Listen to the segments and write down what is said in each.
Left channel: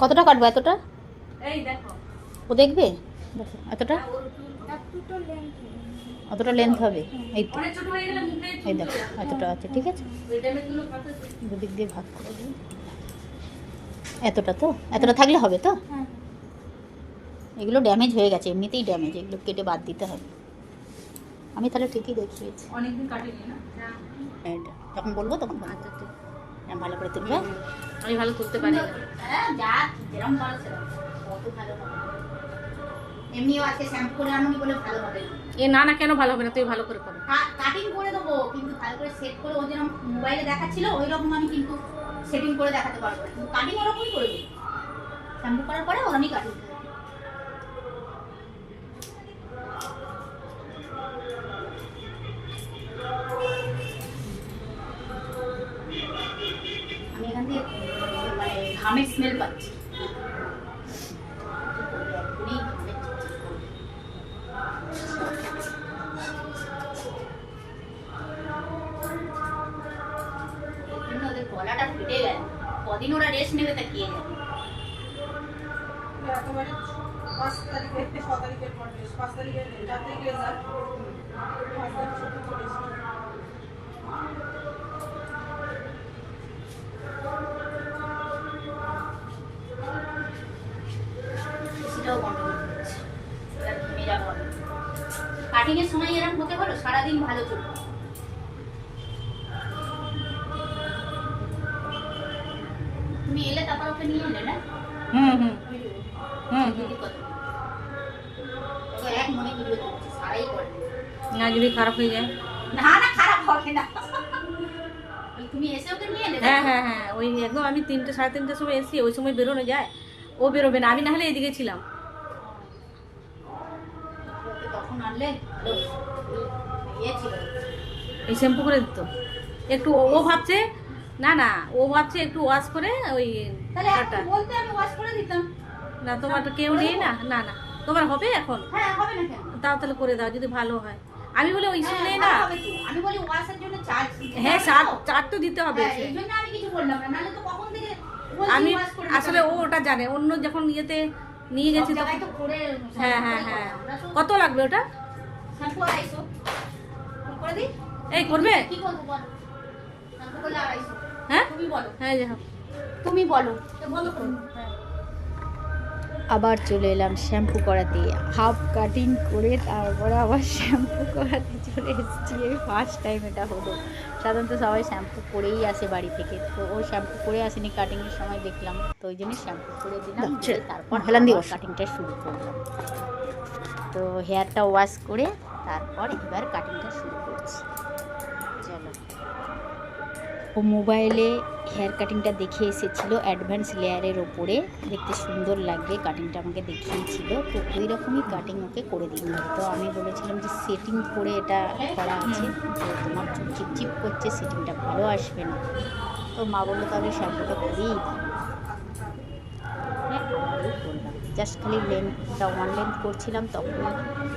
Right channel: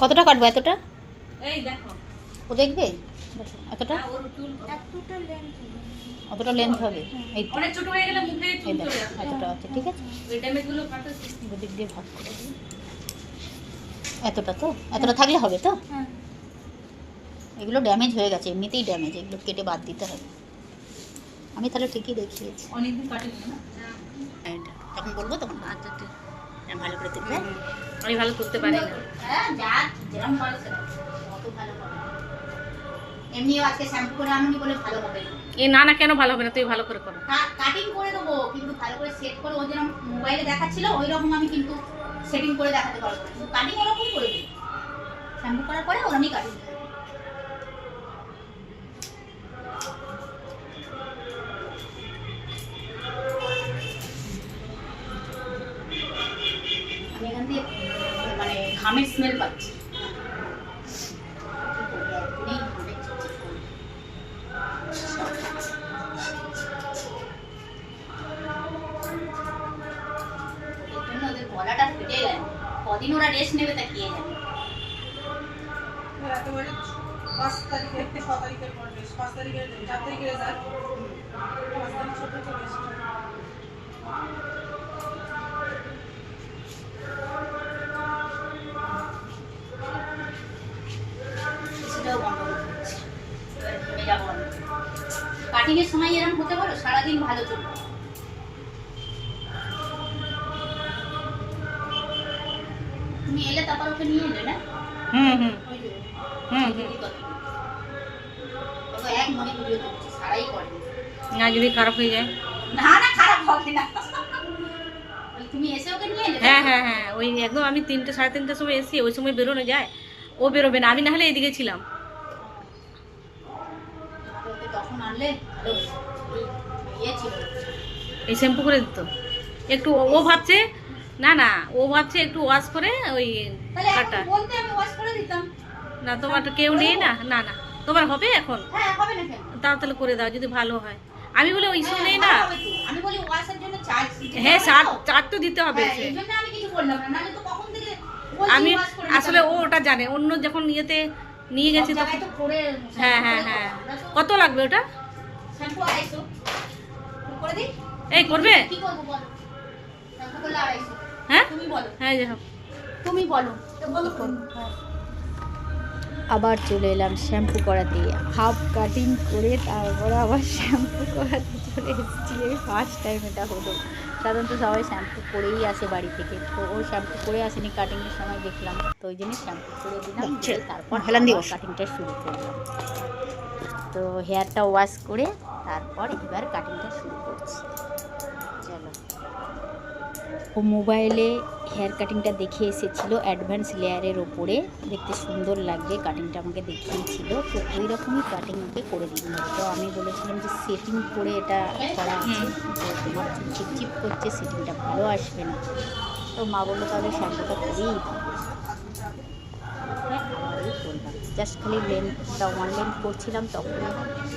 কতটা কাটবো? এতটা? এই দেখো, ও দেখবে এতটা? অতটা লেন্থ হবে? এই তো, অনেক ছোট হয়ে গেলে মুখে এই দেখো এতটা আছে, ঠিক আছে। ওই ড্যামেজগুলো কাটতে দুদিক দিয়ে ভাগ করে দিই। এতটা তো, এতটা থাকলে হবে তো? এগুলো ড্যামেজ হয়ে গেছে, এমনিতেই ড্যামেজ, এগুলো কেটে বাদ দিতে হবে। আমি তাহলে ঠিকই দেখিয়েছি। অনেকদিন কাটিনি না। এটা যখন বলবো তখন আচ্ছা ঠিক, ভালো করে তুলবে। আমি ভালো তুলতে পারি না। হ্যাঁ, যা যেরকম পারো সেরকম, কত ভালো হবে। এমনিও আজকে শ্যাম্পু করে আনুনি বলে ভালো হবে না। এ না না, কেন ভালো হবে না? তুই ভালো করে করো। কাটিং করে দেবো, কিন্তু ভালো করে সেট করে, ও যেরকম মোবাইলে দেখাচ্ছিল ওই রকম আমি কিন্তু সেটিং করে দেখাতে পারবো না, কিন্তু কাটিং ওরকমই করে দেবো। শ্যাম্পু করার পরে ওরকমই কাটিং দেবো। আমি এখান থেকে মানে ঘামের স্মেল পাচ্ছি। ওদের গলাটা ফেটে গেল, কদিন ওরা রেস্ট নেবে তা কে জানে। একেবারে 5 তারিখে 6 তারিখের পর বেশ 5 তারিখের 4 তারিখে রেজাল্ট 5 তারিখ ছোট থেকে বেশ সেটাও বন্ধ করে দিচ্ছে। এবার ঘেমে যাবো আমি। কাটিং এর সময় এরকম হতে পারো, সারাদিন ভালো চলবে। তুমি এলে তারপর ওকে নিয়ে এলে না? হুম হুম ওই যে, হুম দিদি কথা। তবে এক মনে ভিডিও করছি, সারাই করে। না, যদি খারাপ হয়ে যায়। না না, খারাপ হবে না। তুমি এসে ওকে নিয়ে এলে? হ্যাঁ হ্যাঁ হ্যাঁ, ওই একদম আমি 3টে 3:30টার সময় এসি, ওই সময় বেরোনো যায়। ও বেরোবে না, আমি না হলে এদিকে ছিলাম। ওকে তখন আনলে ভালো ইয়ে ছিল। এই শ্যাম্পু করে দিত একটু। ও ভাবছে, না না, ও ভাবছে একটু ওয়াশ করে ওই তাহলে কাটা। এখন বলতে আমি ওয়াশ করে দিতাম। না, তোমার তো কেউ নেই না। না না, তোমার হবে এখন? হ্যাঁ, হবে না কেন? তাও তাহলে করে দাও যদি ভালো হয়। আমি বলে ওই ইস্যু নেই না। হবে তো। আমি বলি ওয়াশের জন্য চার্জ দিতে হ্যাঁ, হবে চার তো। চার তো দিতে হবে। হ্যাঁ, এই জন্য আমি কিছু বললাম না, নাহলে তো কখন থেকে বলছি আমি ওয়াশ করে দিতে আসলে হবে। ও ওটা জানে, অন্য যখন ইয়েতে নিয়ে সব গেছি জায়গায় তখন। তো করে হ্যাঁ শ্যাম্পু হ্যাঁ করে হ্যাঁ, করা। আমরা তো কত লাগবে ওটা? শ্যাম্পু 250 করে দিই। এই করবে? কি করবো বলো? শ্যাম্পু করলে 250। হ্যাঁ তুমি বলো, হ্যাঁ, যাই হোক। তুমি বলো। তো বলো কোন? হ্যাঁ। আবার চলে এলাম শ্যাম্পু করাতে, হাফ কাটিং করে তারপরে আবার শ্যাম্পু করাতে চলে এসেছি। এই ফার্স্ট টাইম এটা হলো। সাধারণত সবাই শ্যাম্পু করেই আসে বাড়ি থেকে, তো ও শ্যাম্পু করে আসেনি, কাটিংয়ের সময় দেখলাম, তো ওই জন্য শ্যাম্পু করে দিলাম, দিয়ে তারপর কাটিংটা শুরু করলাম। তো হেয়ারটা ওয়াশ করে তারপর এবার কাটিংটা শুরু করছি। চলো। ও মোবাইলে হেয়ার কাটিংটা দেখে এসেছিলো অ্যাডভান্স লেয়ারের ওপরে, দেখতে সুন্দর লাগবে কাটিংটা আমাকে দেখিয়েছিল, তো ওই রকমই কাটিং ওকে করে দিন। তো আমি বলেছিলাম যে সেটিং করে এটা করা আছে, তো তোমার চুল চিপচিপ করছে, সেটিংটা ভালো আসবে না। তো মা বললো তাহলে শ্যাম্পুটা করেই দাও। হ্যাঁ, আবারই করলাম, জাস্ট খালি লেন্থটা ওয়ান লেন্থ করছিলাম, তখন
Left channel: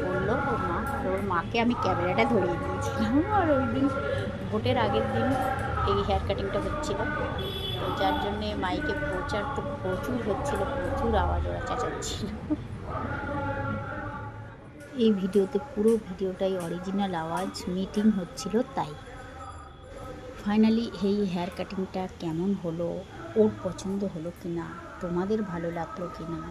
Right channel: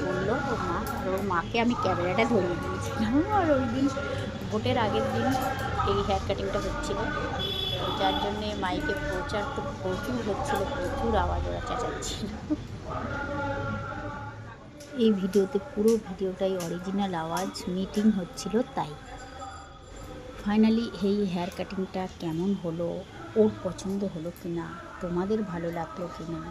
বললো ওর মা, আর ওর মাকে আমি ক্যামেরাটা ধরিয়ে দিয়েছিলাম। আর ওই দিন ভোটের আগের দিন এই হেয়ার কাটিংটা হচ্ছিল, তো যার জন্যে মাইকে প্রচার তো প্রচুর হচ্ছিল, প্রচুর আওয়াজ ওরা চেঁচাচ্ছিল। এই ভিডিওতে পুরো ভিডিওটাই অরিজিনাল আওয়াজ, মিটিং হচ্ছিল তাই। ফাইনালি এই হেয়ার কাটিংটা কেমন হলো, ওর পছন্দ হলো কি না, তোমাদের ভালো লাগলো কি না,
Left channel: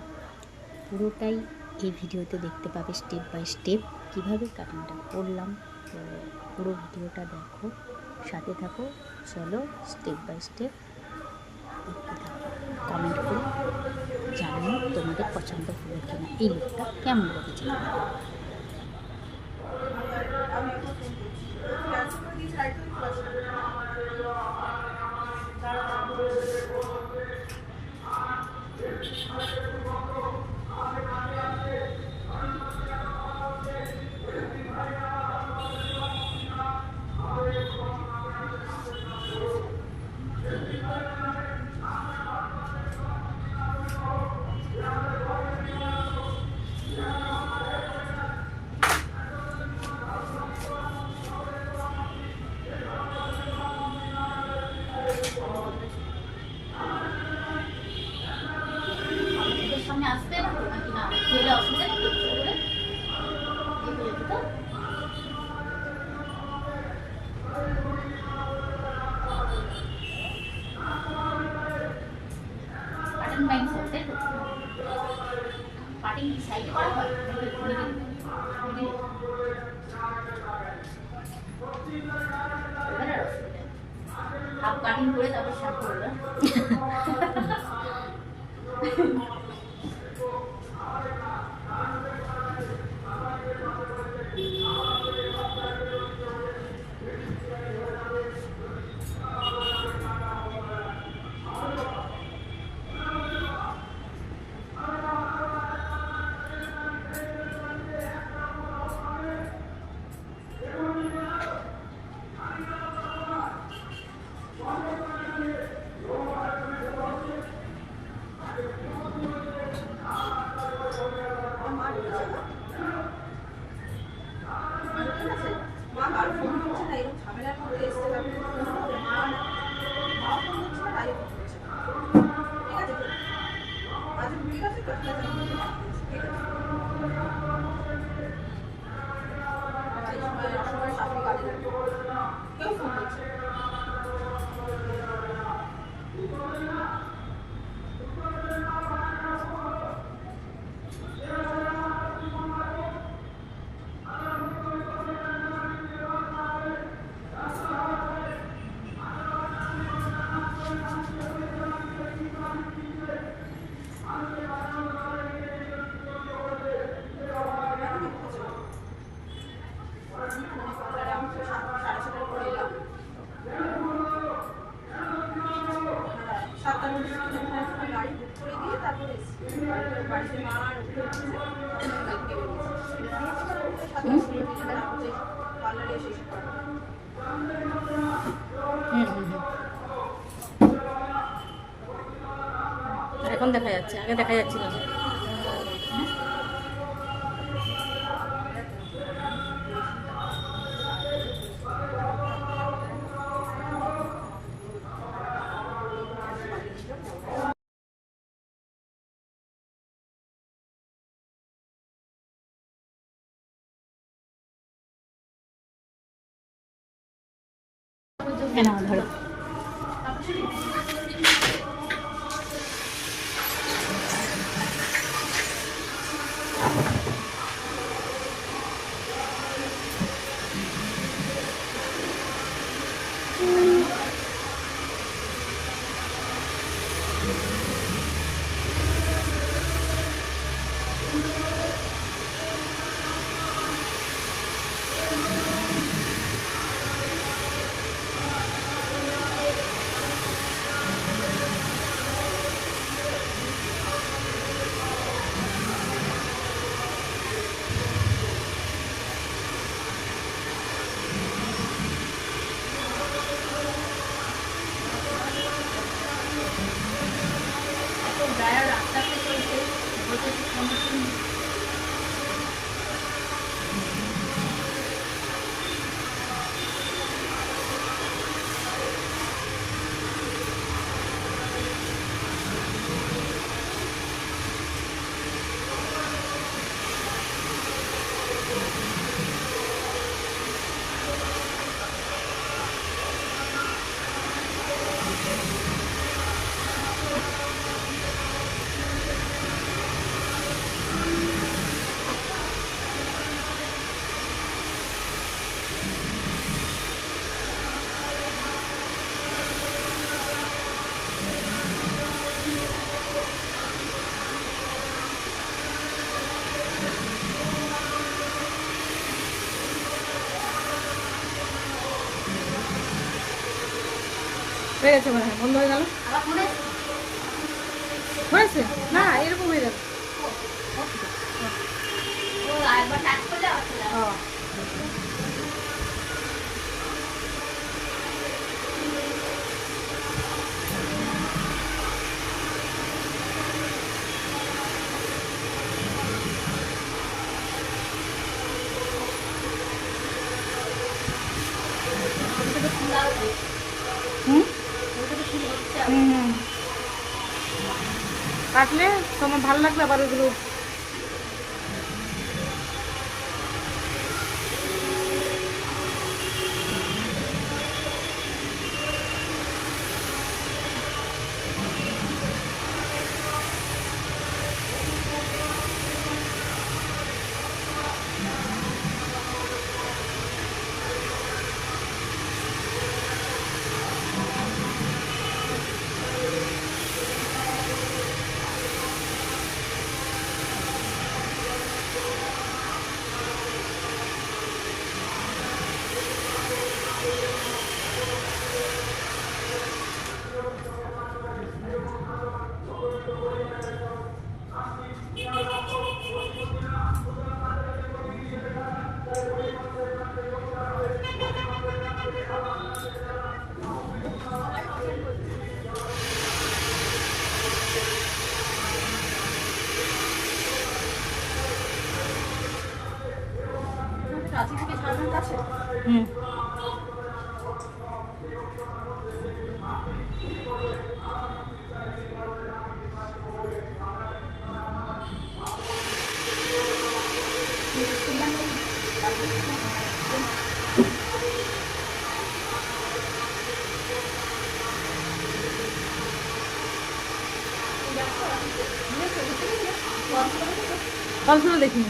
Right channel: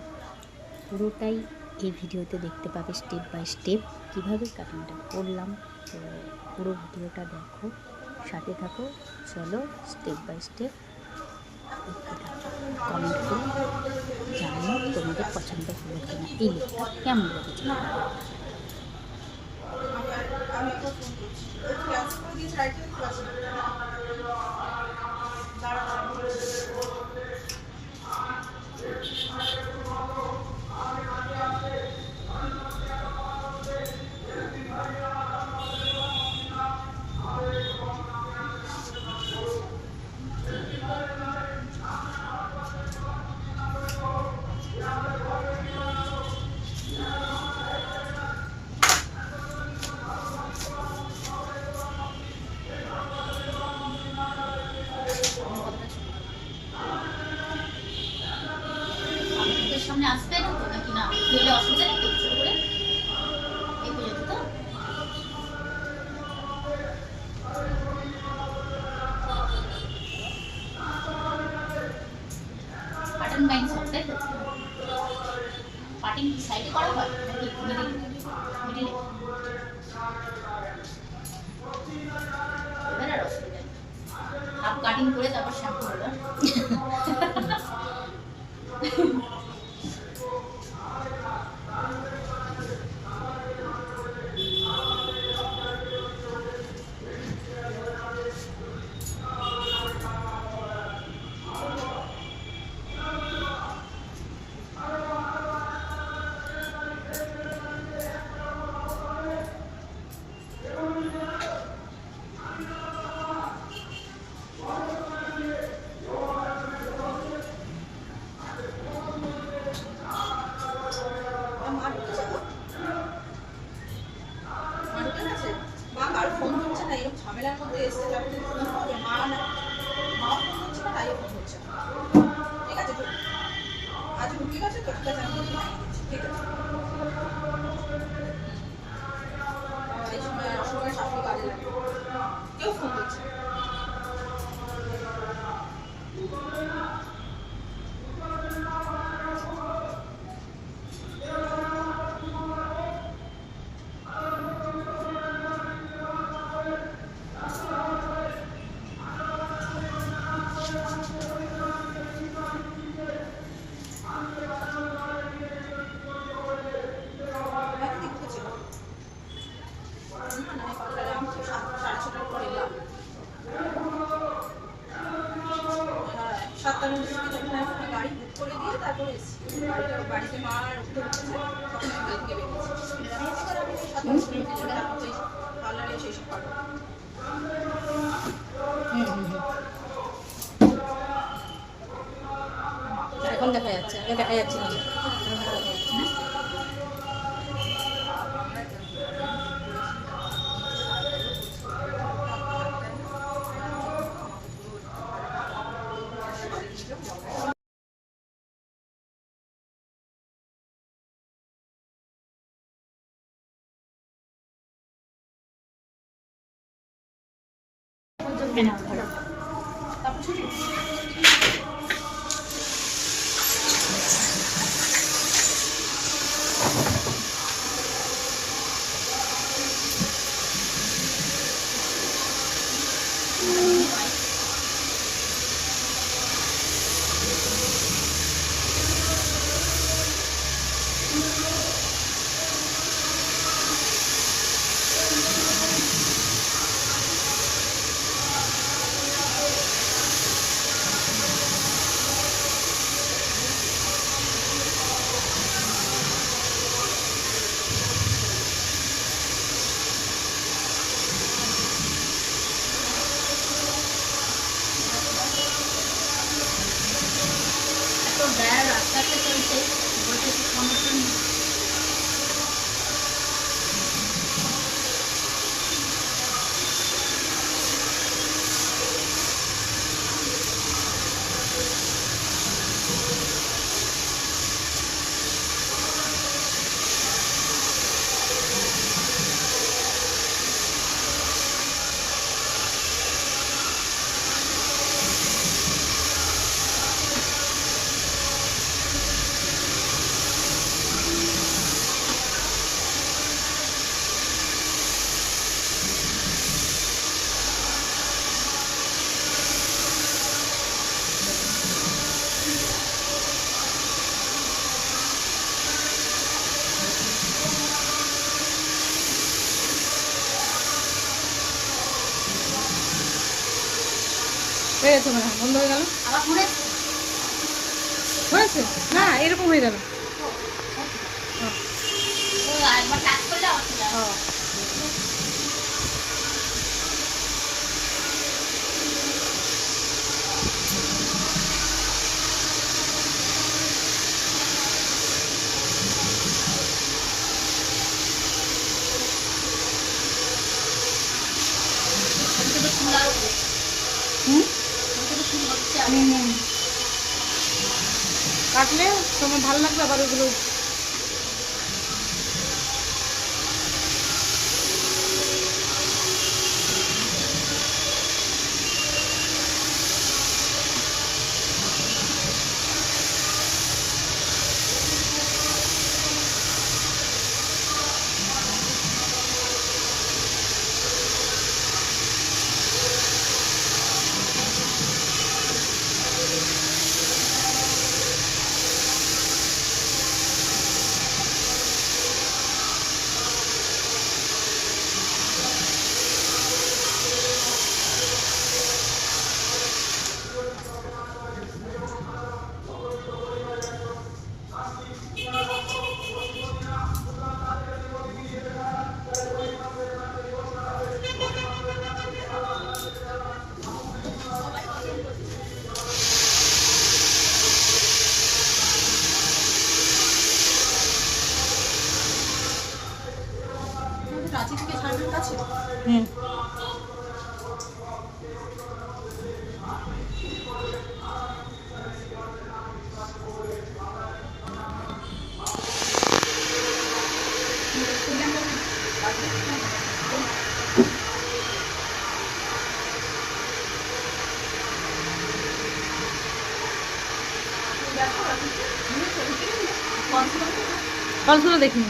পুরোটাই এই ভিডিওতে দেখতে পাবে স্টেপ বাই স্টেপ কীভাবে কাটিংটা করলাম। তো পুরো ভিডিওটা দেখো, সাথে থাকো, চলো স্টেপ বাই স্টেপ দেখতে থাকো। কমেন্ট করে জানিও তোমাদের পছন্দ হলো কিনা, এই লুকটা কেমন লেগেছে। আমি এখন ফোন করছি ক্যান্সেল করে দিয়েছি রাইট করতে পারছি না এবার আর অসুবিধা নেই। হাফ কাটিং করে তারপর শ্যাম্পু করলাম। মা ঢুকেছে গো? মা ঢুকে গেছে? মা কারো ফোন করছে না, এরকম ঝামেলার মধ্যে এসছে, তারপরে ফোন করবে, মাও ফোন করছে না, তাইও ফোন করছে না। ঠিক আছে তো? আজ ঢুকে গেছে তো? ঠিক আছে, আমি তোকে জানিয়ে দিচ্ছি, ঠিক আছে? আর এই সময় অসময়ে শাশুড়ি গাড়ি লাগবে। কেউ ফোন করছে না। এখন কি ঢুকেছে গো? আমি পার্লারে আমি তো 7:30 করে এলাম। হ্যাঁ, 7টার মধ্যে একটা গাড়ি বুক করে দিয়ে তারপরে এসেছি। বাড়িতে মা আর উঠতে উঠেছে, তখন আমি বাড়ি থেকে বেরিয়েছি। এবার আমি ওই 7টা করে গেলাম, ওই পার্লারে এসে এইসব পারবো। এখন দেখা যাচ্ছে, আগে দেখা যাচ্ছিল না। তো বেড়ার রাস্তাতে চলছে, বলছে সামনে হয়ে গেছে মনে হয়, বন্ধ হয়ে গেল। আবার মনে হয়েছে না, এরকম হয়ে যাবে। একবার টাচ করলে আবার চলে আসবে। ও ওটা তো ফুল আরো হচ্ছে। হুম ওটা তো ফুল হচ্ছে আরো। হুম হুম। কাটলে তোমার ভালো লাগবে আবার ওগুলো। প্রাচীর থেকে ঝাড়খণ্ড কাছে। হুম। ফলসগুলো দেখিনি।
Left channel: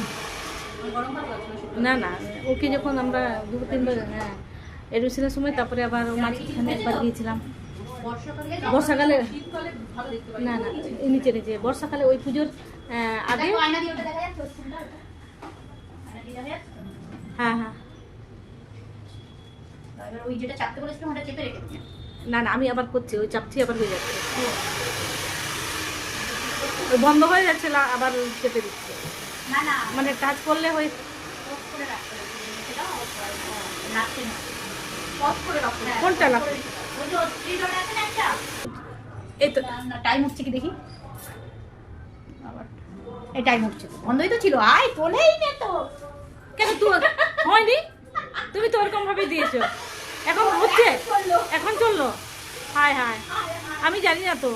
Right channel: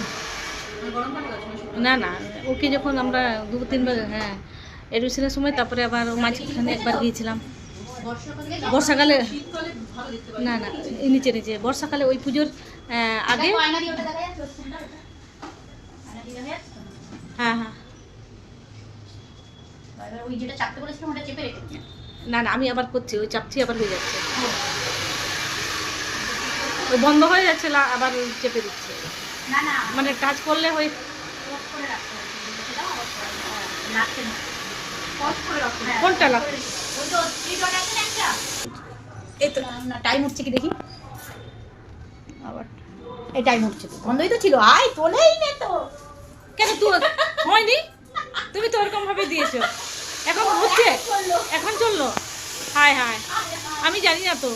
গরম পানি আছে না না, ওকে যখন আমরা 2-3 বার, হ্যাঁ এডমিশনের সময়, তারপরে আবার মাঝখানে একবার গিয়েছিলাম বর্ষাকালে। শীতকালে ভালো দেখতে পাই। না না, এই নিচে নিচে বর্ষাকালে ওই পুজোর আগে। হ্যাঁ হ্যাঁ। ওই যেটা চাপতে বলেছিলাম ওটা চেপে রেখে দিই। না না, আমি আবার করছি, ওই চাপছি আবার হয়ে যাচ্ছে, ওই বন্ধ হয়ে যাচ্ছে, আবার চেপে দিচ্ছে। না না, মানে কাজ করলে ওই অফ করে রাখতে হবে। সেটাও অফ করে রাখতে না। অফ করে রাখো। কোনটা লাগবে? ওই তো থ্রি ডট আছে না একটা। এই তো টাইম উঠছে কি দেখি। আবার এই টাইম উঠছে তো। বন্ধই তো ছিল। আয় তোলেই নে তো। কেন তুই হয়নি? তুমি তো ওরকম ভাবে দিয়েছো, এখন হচ্ছে, এখন চললো। হায় হায়, আমি জানি না তো,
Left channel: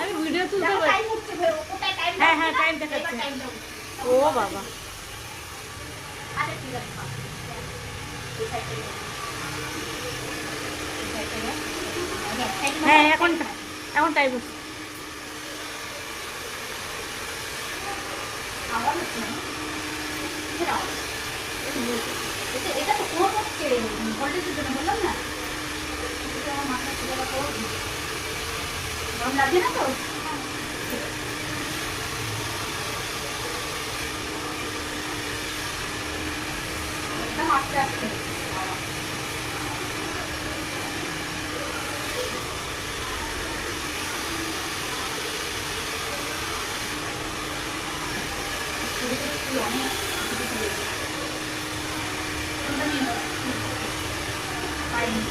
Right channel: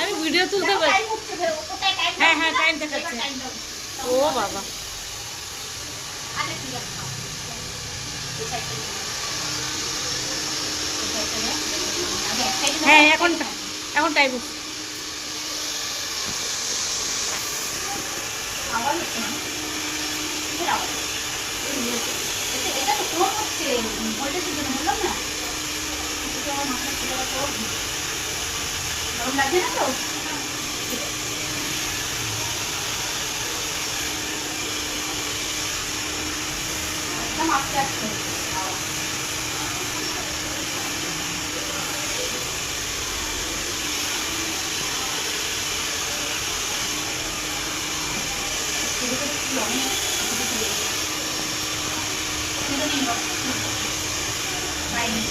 আমি ভিডিও তুলতে পারি। টাইম উঠছে ওটাই টাইম। হ্যাঁ হ্যাঁ, টাইম দেখাচ্ছে। ও বাবা, আচ্ছা ঠিক আছে। এই সাইডটা নে। এই সাইডটা নে। আগে এক সাইডে হ্যাঁ এখন টাইম উঠছে। আবার হচ্ছে না। ফেরাও। এটা তো কম হচ্ছে। ভোল্টেজের জন্য বললাম না। এটা আমার মাথা খুলে গেল। গরম লাগছে না তো? একদম আস্তে আস্তে। অনেক পাইনি।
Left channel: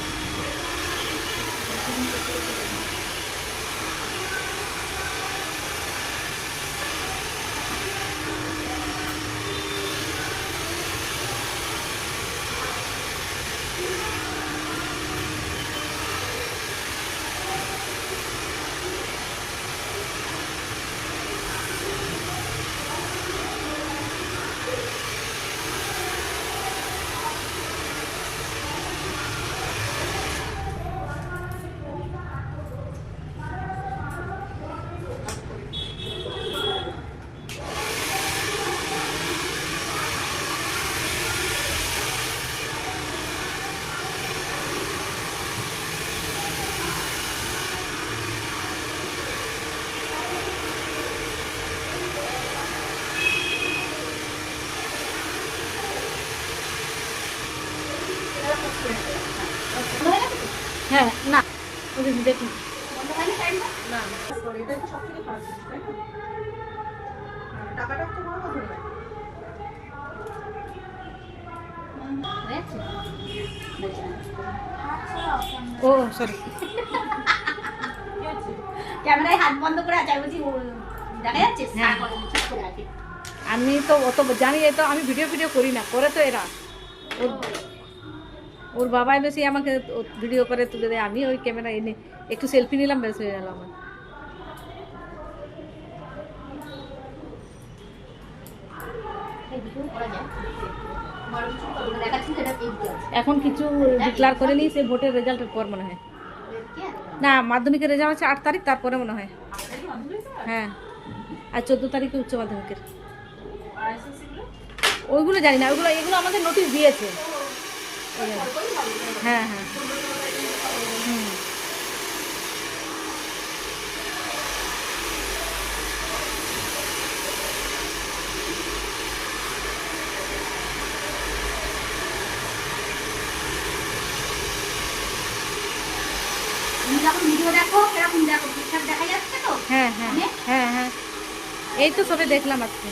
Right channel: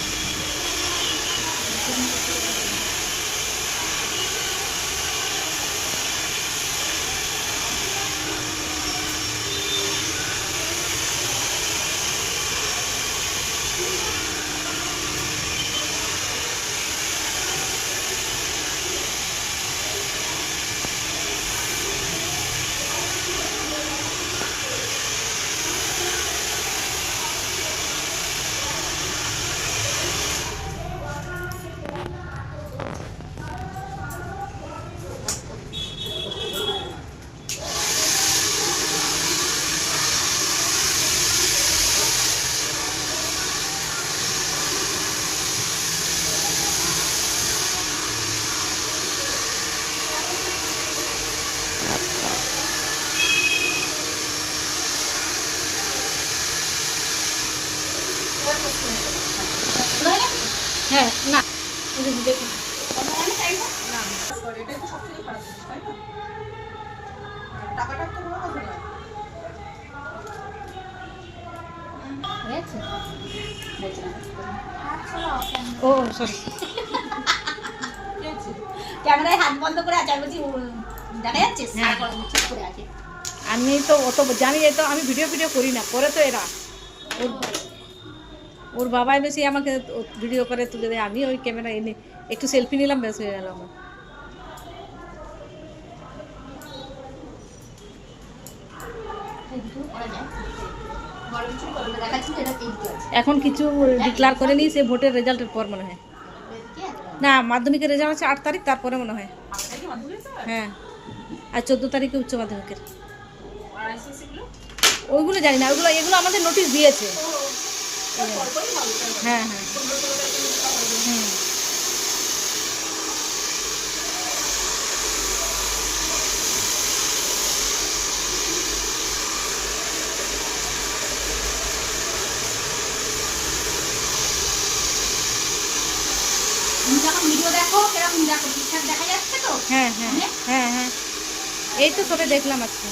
হ্যাঁ না, দেখুন না, sorry, এটাই তো সবথেকে খারাপ জিনিস, তাই না? টাকাটা তো বড় কথা নয়। ও সরি। ক্যামেরায় হাত বন্ধ করে আছে। আমি বলছি দেখা যাচ্ছে? হ্যাঁ। ঠিক করে আছে। আমি তো অত জানি, তো আমি ভিডিও করি না, করে তো এরা। ওর বাবা বেশি আমাকে ভিডিও করে তুলে দেয়, আমি ওই ক্যামেরা এনে একটু সেলফি নিলাম, বেশ হয়ে গেল আমার। এখন কিছু ডিক্লার করে নি, সে ভোটের রেজাল্টের পর মনে হয়। না, মাধ্যমিকের রেজাল্ট আছে 8 তারিখ, তারপরে মনে হয়। হ্যাঁ, আর 14 তারিখে উচ্চ মাধ্যমিকের। ওইগুলো জানি না, এগুলো আমাদের নোটিশ দিয়েছে। হ্যাঁ হ্যাঁ হুম। তুমি যখন ভিডিও দেখো কিরকম দেখো? ঠিকঠাক দেখা যাচ্ছে তো? হ্যাঁ হ্যাঁ হ্যাঁ হ্যাঁ, এই তো সবে দেখলাম আজকে।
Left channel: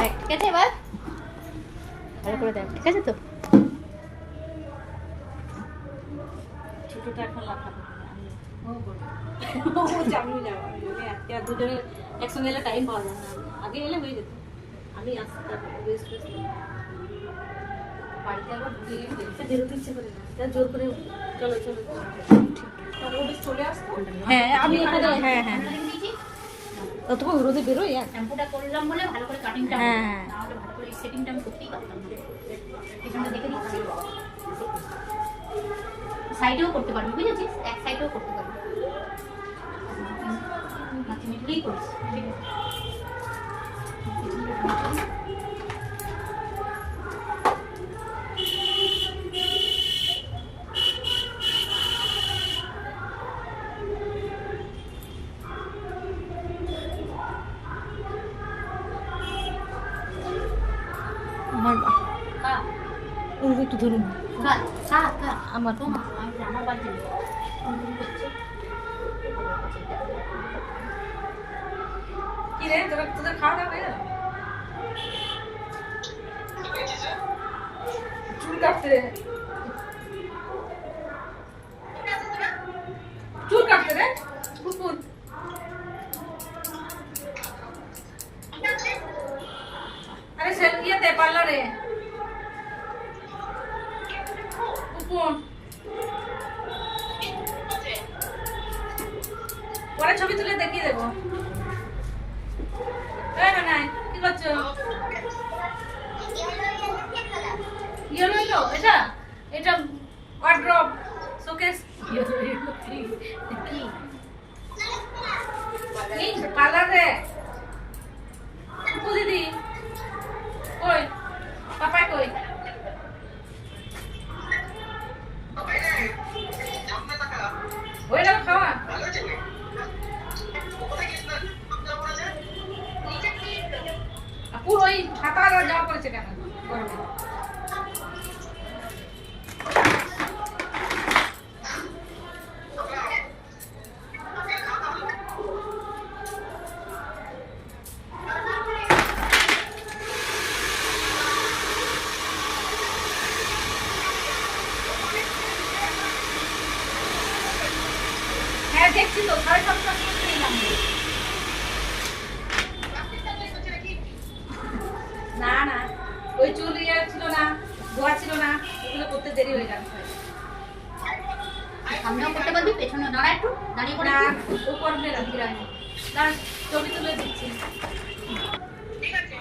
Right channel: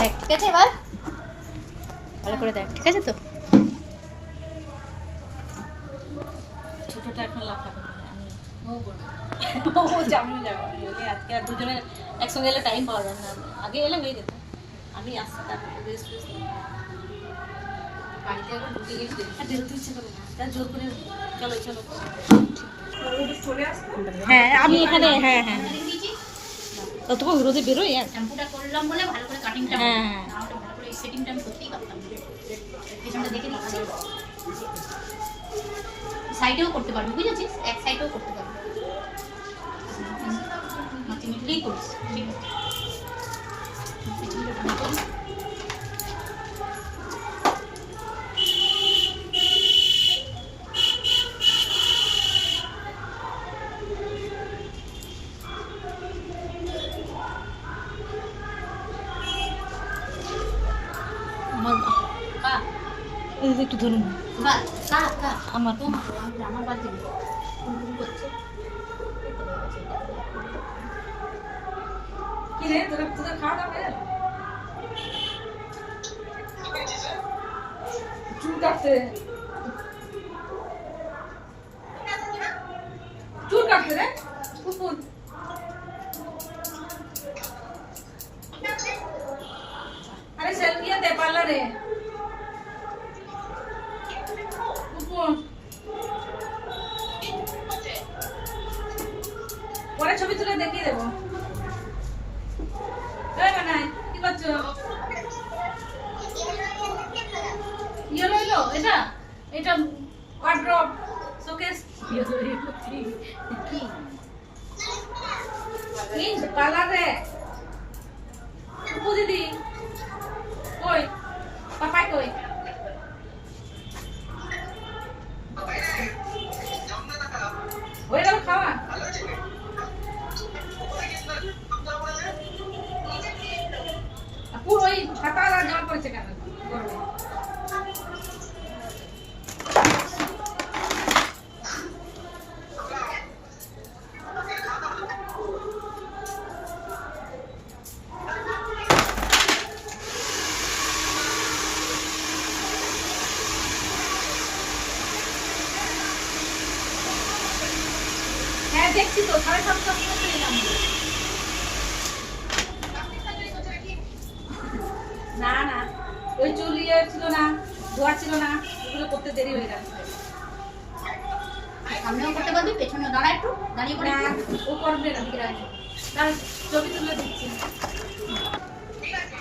দেখ ঠিক আছে এবার ভালো করে দেখ ঠিক আছে তো ছোটটা এখন লাফা ও আমিও যাবো আজকে আর দুজনে একসঙ্গে এলে টাইম পাওয়া যায় না আগে এলে হয়ে যেত আমি আসছি তারপরে রেস্ট বাড়িতে একবার ঢুকে গেছি বেরোতে ইচ্ছে করে না তা জোর করে চলো চলো চলে আসতো হ্যাঁ আমি এখানে হ্যাঁ হ্যাঁ তো তোমার রোদে বেরোই আর শ্যাম্পুটা করলাম বলে ভালো করে কাটিংটা হ্যাঁ, হ্যাঁ। নাহলে ভালো করে সেটিংটা আমি করতেই পারতাম না পেছনটা দেখে দিচ্ছি সাইডেও করতে পারবি বুঝেছিস এক সাইডেও করতে পারবি মাছি মিটলেই করিস ঠিক আছে আমার কা এই যে একটু ধরুন কা কা কা আমার আমার বাড়িতে নেই করছে কি রে তোরা তোদের খাওয়া দাওয়া হয়ে গেল চুল কাটতে রে কুকুর আরে সেলফি দে পার্লারে কুকুর পরে ছবি তুলে দেখিয়ে দেবো এই না নাই কি করছো ইয়েলো ইয়েলো এটা এটা ওয়ার্ড্রপ শোকেস কি এই পার্লারে কুকু দিদি কই পাপাই কই হয়ে গেল খাওয়া পুরো ওই হাতা যাওয়া করেছে কেন গরমে হ্যাঁ দেখছি তো 7:30 করে নিলাম না না ওই চুল ইয়ে ছিল না ধোয়া ছিল না ওগুলো করতে দেরি হয়ে গেল সামনেও করতে পারবি পেছনে দাঁড়া একটু দাঁড়িয়ে পড়ে না ও করবে না না ছবি তুলে দিচ্ছি ঠিক আছে